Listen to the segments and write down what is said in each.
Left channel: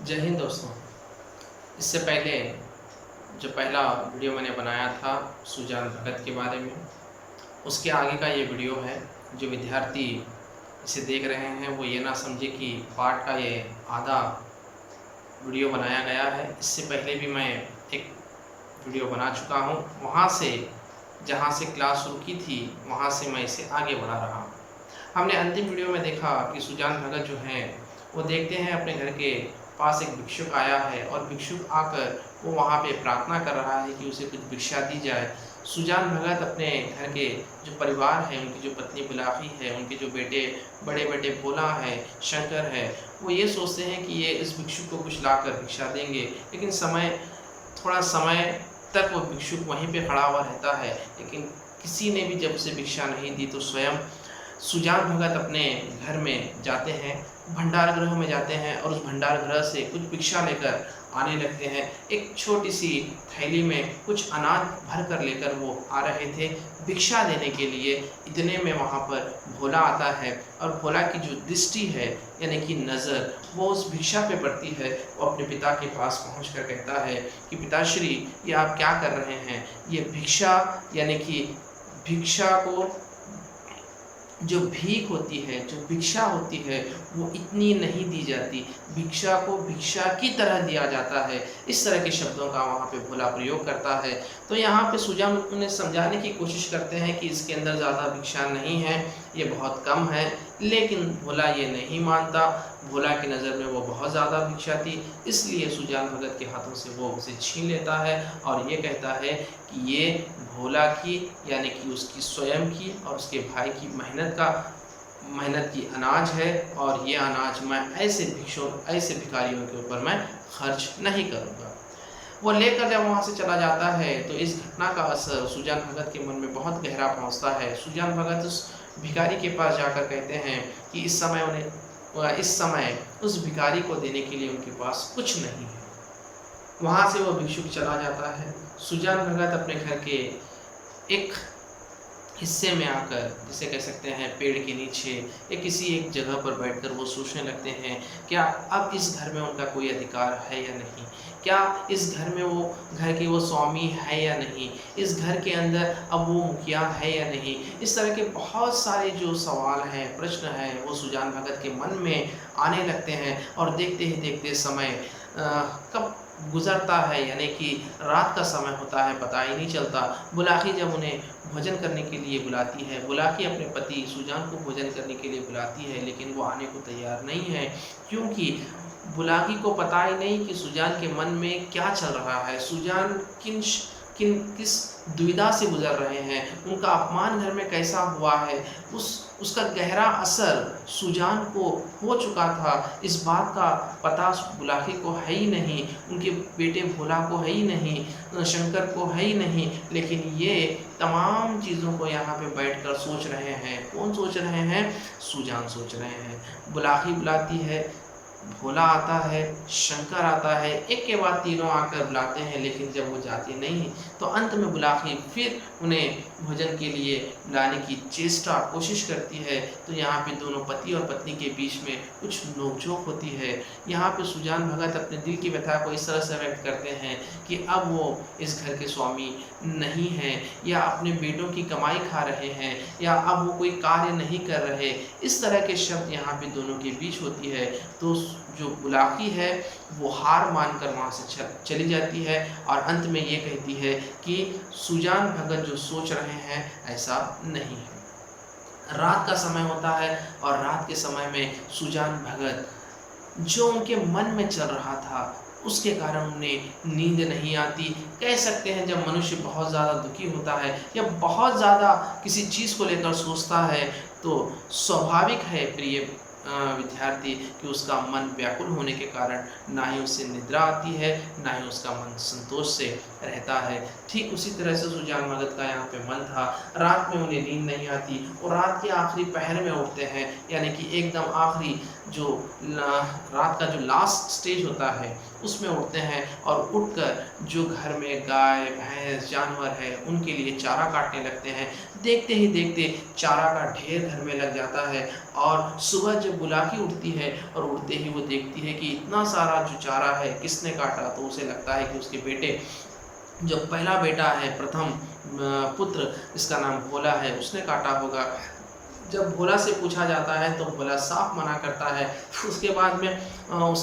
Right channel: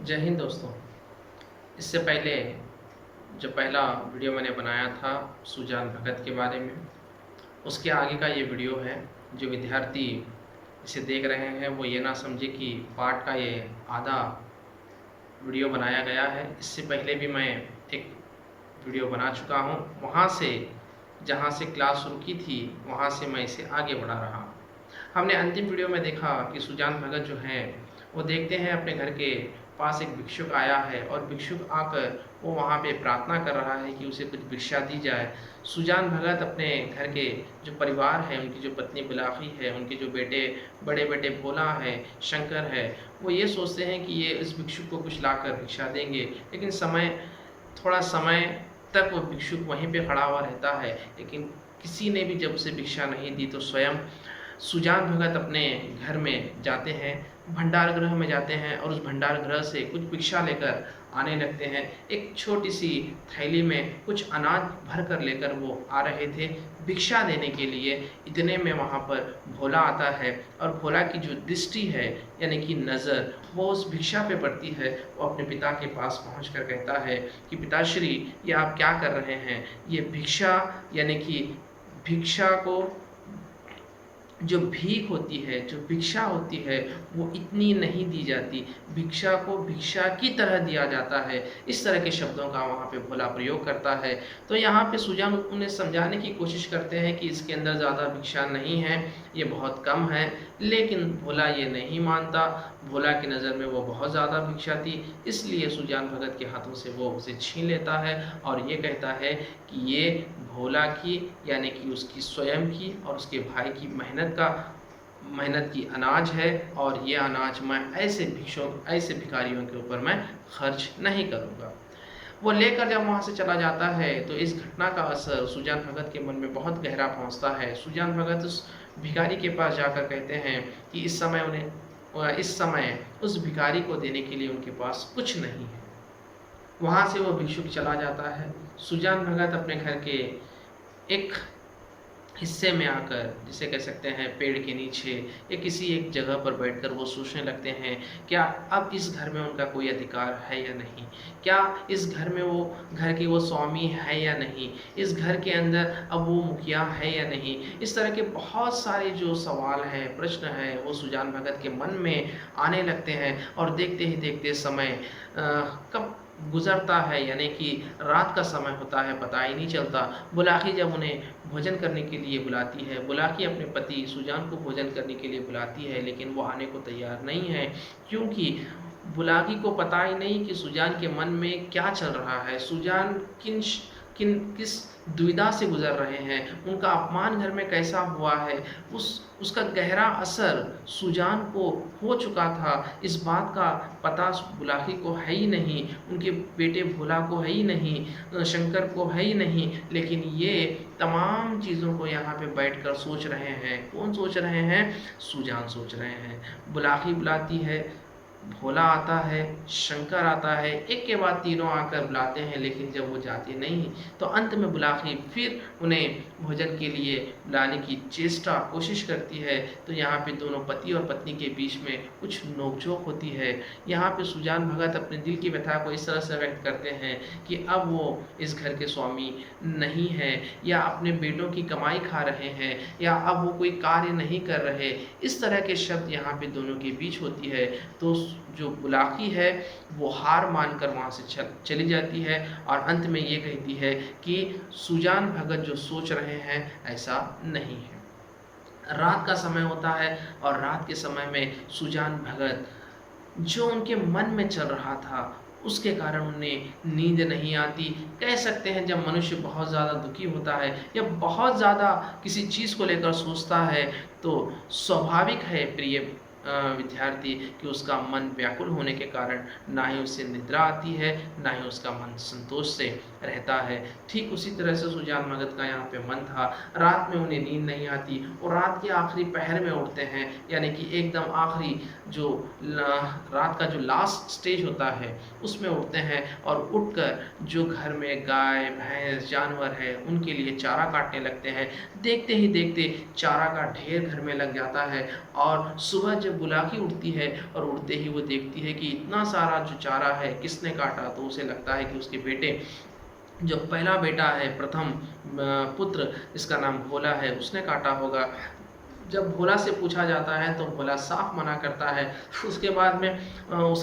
जय हिंद दोस्तों। इससे पहले जो पहला वीडियो मैंने बनाया था सुजान भगत के बारे में, उसके आगे का ये वीडियो है। जो विद्यार्थी इसे देख रहे हैं वो ये ना समझे कि पाठ का ये आधा वीडियो बनाया गया है। इससे पहले भी मैं एक वीडियो बना चुका हूँ। वहाँ से जहाँ से क्लास शुरू की थी वहाँ से मैं इसे आगे बढ़ा रहा। हमने अंतिम वीडियो में देखा कि सुजान भगत जो हैं वो देखते हैं अपने घर के पास एक भिक्षुक आया है और भिक्षुक आकर वो वहाँ पे प्रार्थना कर रहा है कि उसे कुछ भिक्षा दी जाए। सुजान भगत अपने घर के जो परिवार है, उनकी जो पत्नी बुलाखी है, उनके जो बेटे, बड़े बेटे भोला है, शंकर है, वो ये सोचते हैं कि ये इस भिक्षुक को कुछ लाकर भिक्षा देंगे। लेकिन थोड़ा समय तक वो भिक्षुक वहीं पे खड़ा हुआ रहता है, लेकिन किसी ने भी जब उसे भिक्षा नहीं दी तो स्वयं सुजान भगत अपने घर में जाते हैं, भंडार गृह में जाते हैं और उस भंडार गृह से कुछ भिक्षा लेकर आने लगते हैं। एक छोटी सी थैली में कुछ अनाज भर कर लेकर वो आ रहे थे भिक्षा देने के लिए। इतने में वहाँ पर भोला आता है और भोला की जो दृष्टि है यानी कि नज़र वो उस भिक्षा पे पड़ती है। वो अपने पिता के पास पहुँच कर कहता है कि पिताश्री, ये आप क्या कर रहे हैं? ये भिक्षा यानी कि भिक्षा को जो भीख होती है, जो भिक्षा होती है, वो इतनी नहीं दी जाती। भिक्षा को भिक्षा की तरह दिया जाता है। इस तरह के शब्दों का वहाँ पे भोला प्रयोग करता है। तो यहाँ पे सुजान उन्हें समझाने की कोशिश करते हैं कि इसके अंदर ज़्यादा भिक्षा नहीं है, ये बहुत कम है। लेकिन भोला ये नहीं मानता। भोला की नज़र में वो बहुत ज़्यादा भिक्षा थी, इसलिए सुजान भगत के हाथों से वो उसे छीन लेता है और ये कहता है कि ये भोला की यानी कि उसकी स्वयं की और उसके भाई की मेहनत की अनाज है और ये अनाज मैं ऐसे भिखारियों के ऊपर मैं खर्च नहीं करूँगा। वो लेकर जब वहाँ से चला जाता है तो इस घटना का असर सुजान भगत के मन में बहुत गहरा पहुँचता है। सुजान भगत उस भिखारी के पास जाकर कहते हैं कि इस समय उस भिखारी को देने के लिए उनके पास कुछ नहीं है। वहाँ से वो भिक्षुक चला जाता है। सुजान भगत अपने घर के एक हिस्से में आकर, जिसे कह सकते हैं पेड़ के नीचे या किसी एक जगह पर बैठकर वो सोचने लगते हैं, क्या अब इस घर में उनका कोई अधिकार है या नहीं? क्या इस घर में घर के वो स्वामी है या नहीं? इस घर के अंदर अब वो मुखिया है या नहीं? इस तरह के बहुत सारे जो सवाल हैं, प्रश्न हैं, वो सुजान भगत के मन में आने लगते हैं और देखते ही देखते समय कब गुज़रता है यानी कि रात का समय होता है, पता ही नहीं चलता। बुलाखी जब उन्हें भोजन करने के लिए बुलाती है, बुलाखी अपने पति सुजान को भोजन करने के लिए बुलाती है, लेकिन वो आने को तैयार नहीं है, क्योंकि बुलाखी को पता ही नहीं कि सुजान के मन में क्या चल रहा है। सुजान किस दुविधा से गुज़र रहे हैं, उनका अपमान घर में कैसा हुआ है, उसका गहरा असर सुजान को हो चुका था। इस बात का पता बुलाखी को है ही नहीं, उनके बेटे भोला को है ही नहीं, शंकर को है ही नहीं, लेकिन ये तमाम चीज़ों को यहाँ पे बैठकर सोच रहे हैं। कौन सोच रहे हैं? सुजान सोच रहे हैं। बुलाखी बुलाती है, भोला आता है, शंकर आता है, एक के बाद तीनों आकर बुलाते हैं, लेकिन जब वो जाते नहीं तो अंत में बुलाखी फिर उन्हें भोजन के लिए बुलाने की कोशिश करती है। तो यहाँ पे दोनों पति और पत्नी के बीच में कुछ नोकझोंक होती है। यहाँ पे सुजान भगत अपने दिल की व्यथा को इस तरह से व्यक्त करते हैं कि अब वो इस घर के स्वामी नहीं हैं, या अपने बेटों की कमाई खा रहे हैं, या अब वो कोई कार्य नहीं कर रहे। इस तरह के शब्द यहाँ पे दोनों के बीच होती है। तो जो बुलाखी है वो हार मानकर वहाँ से चली जाती है और अंत में ये कहती है कि सुजान भगत जो सोच रहे हैं ऐसा नहीं है। रात का समय होता है और रात के समय में सुजान भगत जो उनके मन में चल रहा था उसके कारण उन्हें नींद नहीं आती। कह सकते हैं जब मनुष्य बहुत ज़्यादा दुखी होता है या बहुत ज़्यादा किसी चीज़ को लेकर सोचता है तो स्वाभाविक है प्रिय विद्यार्थी कि उसका मन व्याकुल होने के कारण ना ही उसे निद्रा आती है, ना ही उसका मन संतोष से रहता है। ठीक उसी तरह से सुजान भगत का यहाँ पे मन था। रात में उन्हें नींद नहीं आती और रात के आखिरी पहर में उठते हैं, यानी कि एकदम आखिरी जो रात का जो लास्ट स्टेज होता है उसमें उठते हैं और उठकर जो घर में गाय भैंस जानवर है उनके लिए चारा काटने लगते हैं। देखते ही देखते चारा का ढेर घर में लग जाता है और सुबह जब बुलाकी उड़ती है और उड़ते ही वो देखती है कि इतना सारा जो चारा है किसने काटा। तो उसे लगता है कि उसके बेटे, जो पहला बेटा है, प्रथम पुत्र, इसका नाम भोला है, उसने काटा होगा। जब भोला से पूछा जाता है तो भोला साफ मना करता है। उसके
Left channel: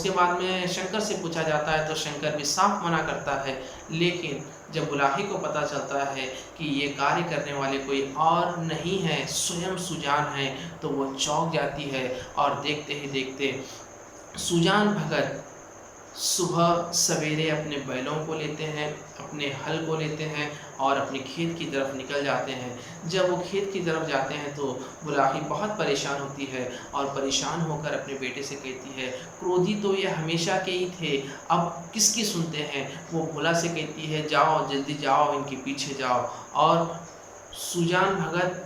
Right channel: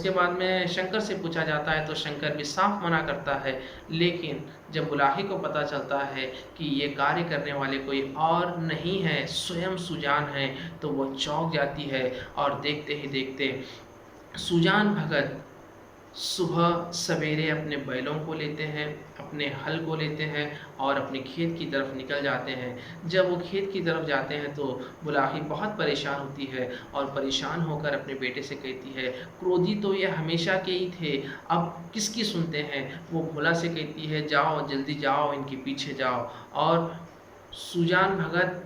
बाद में शंकर से पूछा जाता है तो शंकर भी साफ मना करता है। लेकिन जब बुलाही को पता चलता है कि ये कार्य करने वाले कोई और नहीं है, स्वयं सुजान है, तो वो चौंक जाती है। और देखते ही देखते सुजान भगत सुबह सवेरे अपने बैलों को लेते हैं, अपने हल को लेते हैं और अपने खेत की तरफ निकल जाते हैं। जब वो खेत की तरफ जाते हैं तो बुलाही बहुत परेशान होती है और परेशान होकर अपने बेटे से कहती है, क्रोधी तो ये हमेशा के ही थे, अब किसकी सुनते हैं। वो भोला से कहती है, जाओ जल्दी जाओ, इनके पीछे जाओ। और सुजान भगत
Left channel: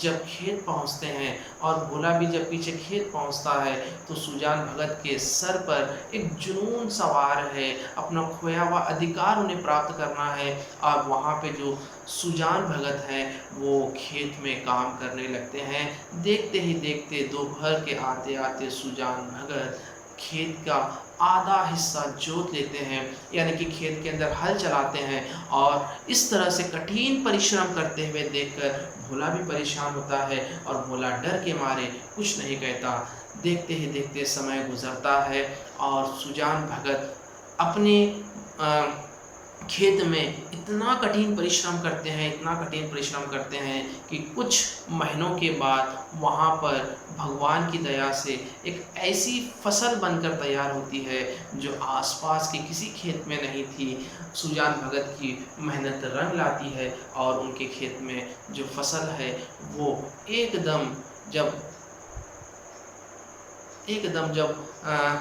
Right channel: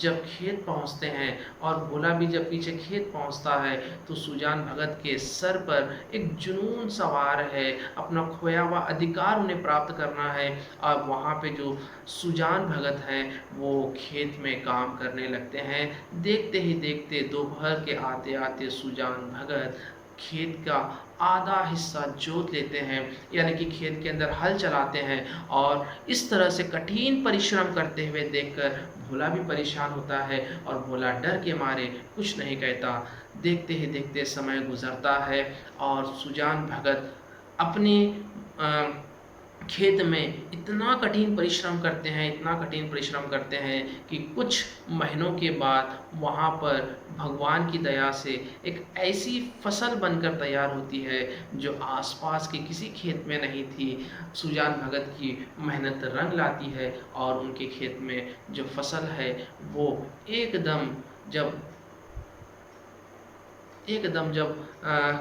जब खेत पहुंचते हैं और भोला भी जब पीछे खेत पहुंचता है तो सुजान भगत के सर पर एक जुनून सवार है, अपना खोया हुआ अधिकार उन्हें प्राप्त करना है। और वहाँ पे जो सुजान भगत हैं वो खेत में काम करने लगते हैं। देखते ही देखते दोपहर के आते आते सुजान भगत खेत का आधा हिस्सा जोत लेते हैं, यानी कि खेत के अंदर हल चलाते हैं। और इस तरह से कठिन परिश्रम करते हुए देखकर भोला भी परेशान होता है और भोला डर के मारे कुछ नहीं कहता। देखते ही देखते समय गुजरता है और सुजान भगत अपने खेत में इतना कठिन परिश्रम करते हैं, इतना कठिन परिश्रम करते हैं कि कुछ महीनों के बाद वहाँ पर भगवान की दया से एक ऐसी फसल बनकर तैयार होती है जो आसपास के किसी खेत में नहीं थी। सुजान भगत की मेहनत रंग लाती है और उनके खेत में जो फसल है वो एकदम जब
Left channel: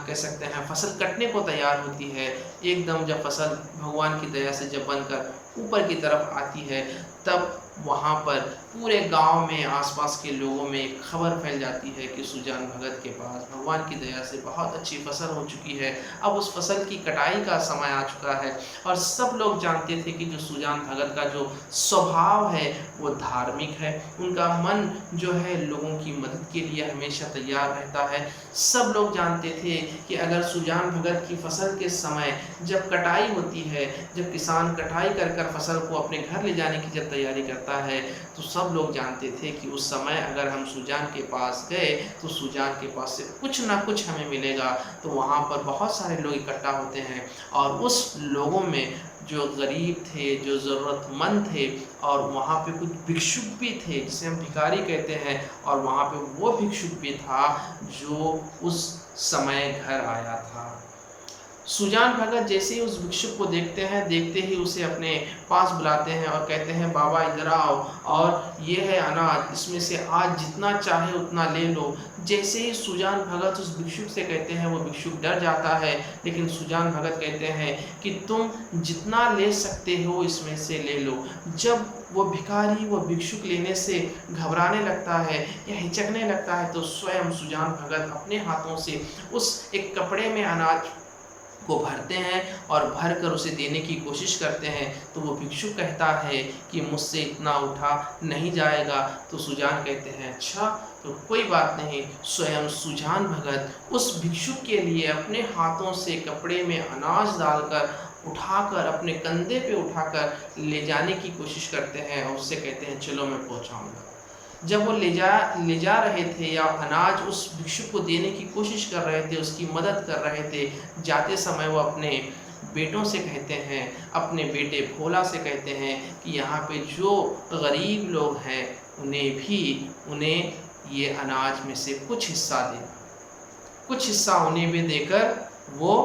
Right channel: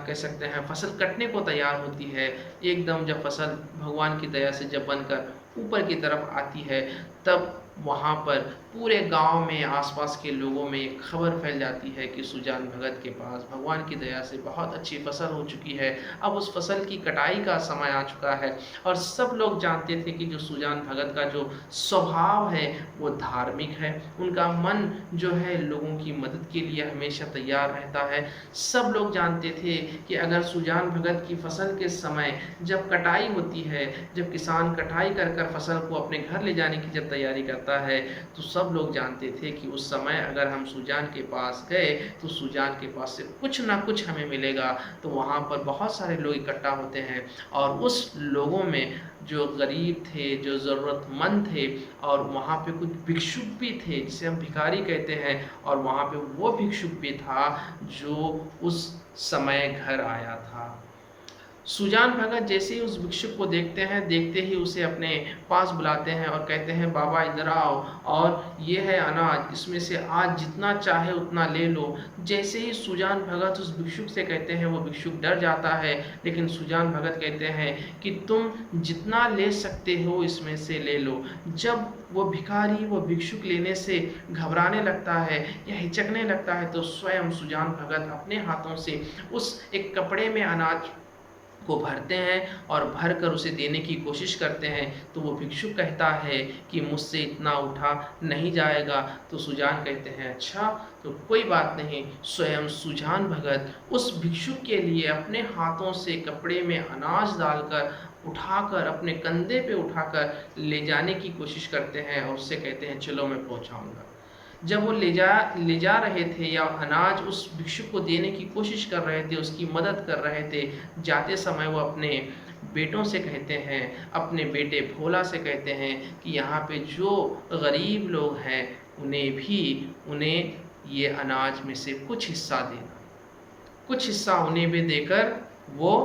कह सकते हैं फसल कटने को तैयार होती है, एकदम जब फसल भगवान की दया से जब बनकर ऊपर की तरफ आती है, तब वहाँ पर पूरे गांव में, आसपास के लोगों में एक खबर फैल जाती है कि सुजान भगत के पास भगवान की दया से बहुत अच्छी फसल हो चुकी है। अब उस फसल की कटाई का समय आ चुका है। और सब लोग जानते थे कि जो सुजान भगत का जो स्वभाव है वो धार्मिक है, उनका मन जो है लोगों की मदद के लिए हमेशा तैयार रहता है। सब लोग जानते थे कि अगर सुजान भगत की फसल के समय जब कटाई होती है, जब किसान कटाई कर कर फसल को अपने घर ले जाने की जब तैयारी करता है, तो सब लोग जानते थे कि उस समय अगर हम सुजान के पास गए तो सुजान के पास से कुछ ना कुछ हमें मिलेगा। तो वहाँ पर बहुत सारे लोग इकट्ठा होते हैं और उस लोगों में जो गरीब थे, जो ज़रूरतमंद थे, और वहाँ पे कुछ भिक्षुक भी थे जिसे हम भिखारी कहते हैं, और वहाँ पे वो भिक्षुक भी था जो उस समय घर आया था। सुजान भगत जैसे ही उस भिक्षुक को देखते हैं, देखते ही उसे अपने पास बुलाते हैं और कहते हैं, बाबा इधर आओ, और ये है अनाज, इसमें से आज जितना चाहे उतना ले लो। जैसे ही सुजान भगत उस भिक्षुक से कहते हैं, वो भिक्षुक डर जाता है, लेकिन सुजान भगत कहते हैं कि तुम जितना ले सकते हो इसमें से ले लो। जब वो भिखारी वो भिक्षुक लेने से घबराने लगता है या हिचकने लगता है, तो स्वयं सुजान भगत अपने हाथों से उस एक कपड़े में अनाज को भरते हैं और भर कर उसे देने की कोशिश करते हैं। तो वो भिक्षुक कहता है कि मुझसे इतना उठा नहीं जाएगा। तो सुजान कहते हैं, अच्छा तो कोई बात नहीं। स्वयं सुजान भगत उस भिक्षुक के लिए अपने हाथों से कपड़े में अनाज डालकर उठाकर अपने कंधे पे उठाकर ले जाने की कोशिश करते हैं और उससे कहते हैं, चलो मैं पहुंचाऊंगा। जब वो ले जा रहे थे या अनाज उस भिक्षुक को देने की कोशिश कर रहे थे, उसकी मदद कर रहे थे, जाते समय वो अपने बेटों से कहते हैं, अपने बेटे भोला से कहते हैं कि यहाँ पे जो गरीब लोग हैं उन्हें ये अनाज में से कुछ हिस्सा देना, कुछ हिस्सा उन्हें भी देकर वो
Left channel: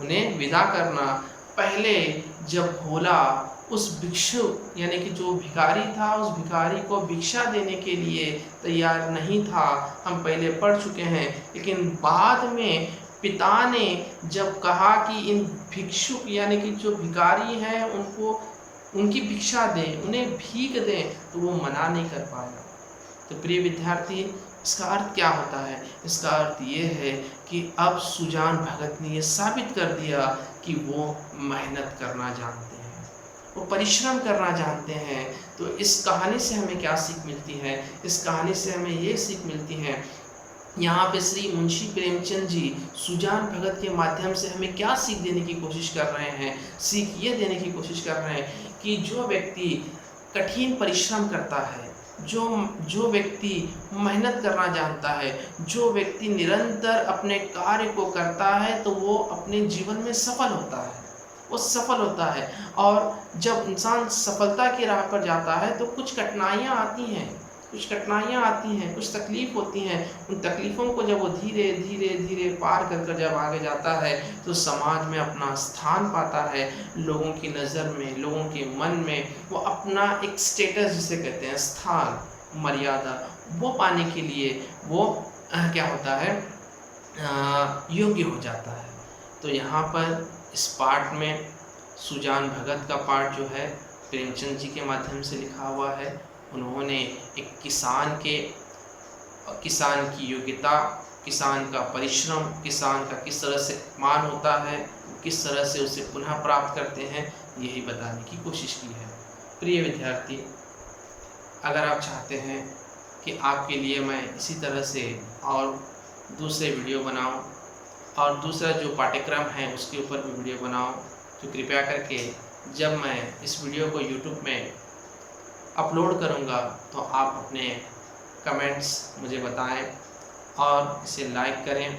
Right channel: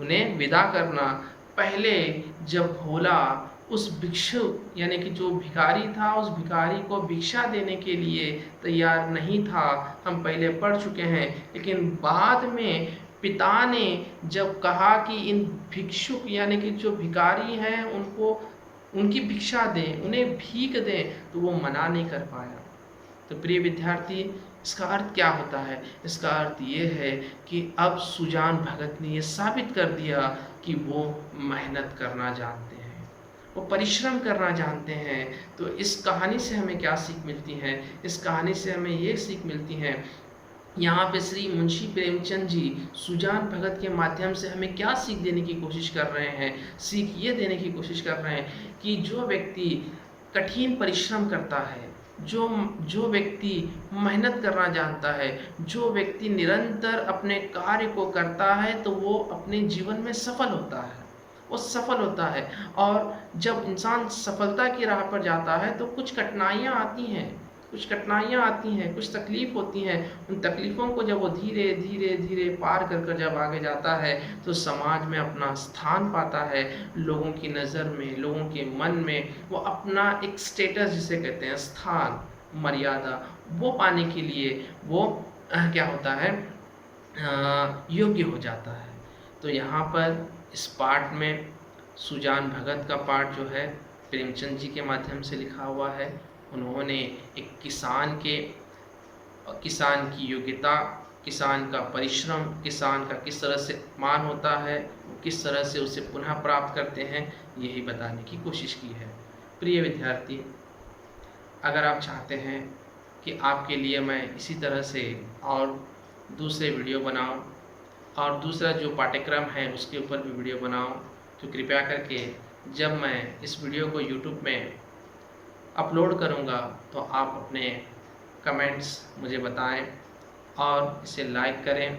उन्हें विदा करना। पहले जब भोला उस भिक्षुक यानी कि जो भिखारी था, उस भिखारी को भिक्षा देने के लिए तैयार नहीं था, हम पहले पढ़ चुके हैं। लेकिन बाद में पिता ने जब कहा कि इन भिक्षुक यानी कि जो भिखारी हैं उनको उनकी भिक्षा दें, उन्हें भीख दें, तो वो मना नहीं कर पाया। तो प्रिय विद्यार्थी, इसका अर्थ क्या होता है? इसका अर्थ ये है कि अब सुजान भगत ने ये साबित कर दिया कि वो मेहनत करना जानते हैं, वो परिश्रम करना जानते हैं। तो इस कहानी से हमें क्या सीख मिलती है? इस कहानी से हमें ये सीख मिलती है यहाँ पे श्री मुंशी प्रेमचंद जी सुजान भगत के माध्यम से हमें क्या सीख देने की कोशिश कर रहे हैं? सीख ये देने की कोशिश कर रहे हैं कि जो व्यक्ति कठिन परिश्रम करता है, जो जो व्यक्ति मेहनत करना जानता है, जो व्यक्ति निरंतर अपने कार्य को करता है, तो वो अपने जीवन में सफल होता है। वो सफल होता है। और जब इंसान सफलता की राह पर जाता है तो कुछ कठिनाइयाँ आती हैं, कुछ कठिनाइयाँ आती हैं, कुछ तकलीफ़ होती हैं। उन तकलीफ़ों को जब वो धीरे धीरे धीरे पार कर कर जब आगे जाता है तो समाज में अपना स्थान पाता है, लोगों की नज़र में, लोगों के मन में वो अपना एक स्टेटस जिसे कहते हैं, स्थान, मर्यादा, वो पाने के लिए वो क्या होता है, योग्य हो जाता है। तो यहाँ पर इस पाठ में सुजान भगत का पाठ जो है प्रेमचंद जी के माध्यम से लिखा हुआ है। उन्होंने एक किसान की योग्यता, किसान का परिश्रम, किसान का किस तरह से मान होता है, किस तरह से उसे पुनः प्राप्त करते हैं, यही बताने की कोशिश की है। प्रिय विद्यार्थी, अगर आप चाहते हैं कि आपके लिए मैं इसी तरह से और दूसरे वीडियो बनाऊं और दूसरा जो पाठ्यक्रम है उसके ऊपर भी वीडियो बनाऊं, तो कृपया करके जब मैं इस वीडियो को YouTube में अपलोड करूंगा तो आप अपने कमेंट्स मुझे बताएं और इसे लाइक करें,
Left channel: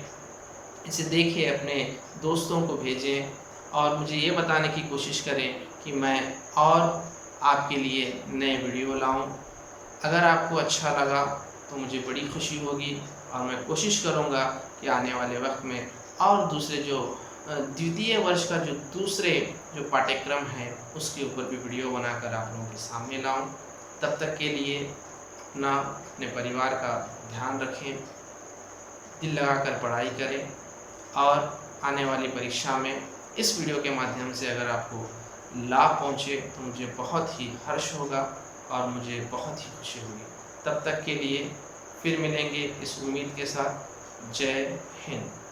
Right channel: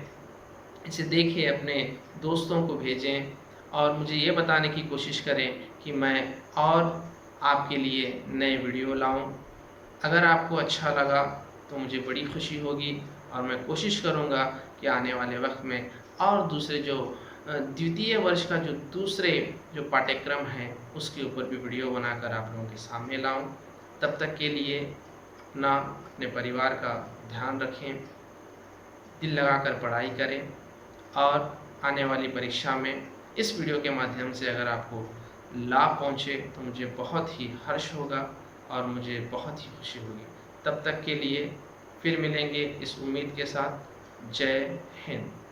इसे देखिए, अपने दोस्तों को भेजें और मुझे ये बताने की कोशिश करें कि मैं और आपके लिए नए वीडियो लाऊं। अगर आपको अच्छा लगा तो मुझे बड़ी खुशी होगी और मैं कोशिश करूंगा कि आने वाले वक्त में और दूसरे जो द्वितीय वर्ष का जो दूसरे जो पाठ्यक्रम है उसके ऊपर भी वीडियो बनाकर आप लोगों के सामने लाऊं। तब तक के लिए अपने परिवार का ध्यान रखें, दिल लगाकर पढ़ाई करें और आने वाली परीक्षा में इस वीडियो के माध्यम से अगर आपको लाभ पहुँचे तो मुझे बहुत ही हर्ष होगा और मुझे बहुत ही खुशी होगी। तब तक के लिए फिर मिलेंगे इस उम्मीद के साथ। जय हिंद।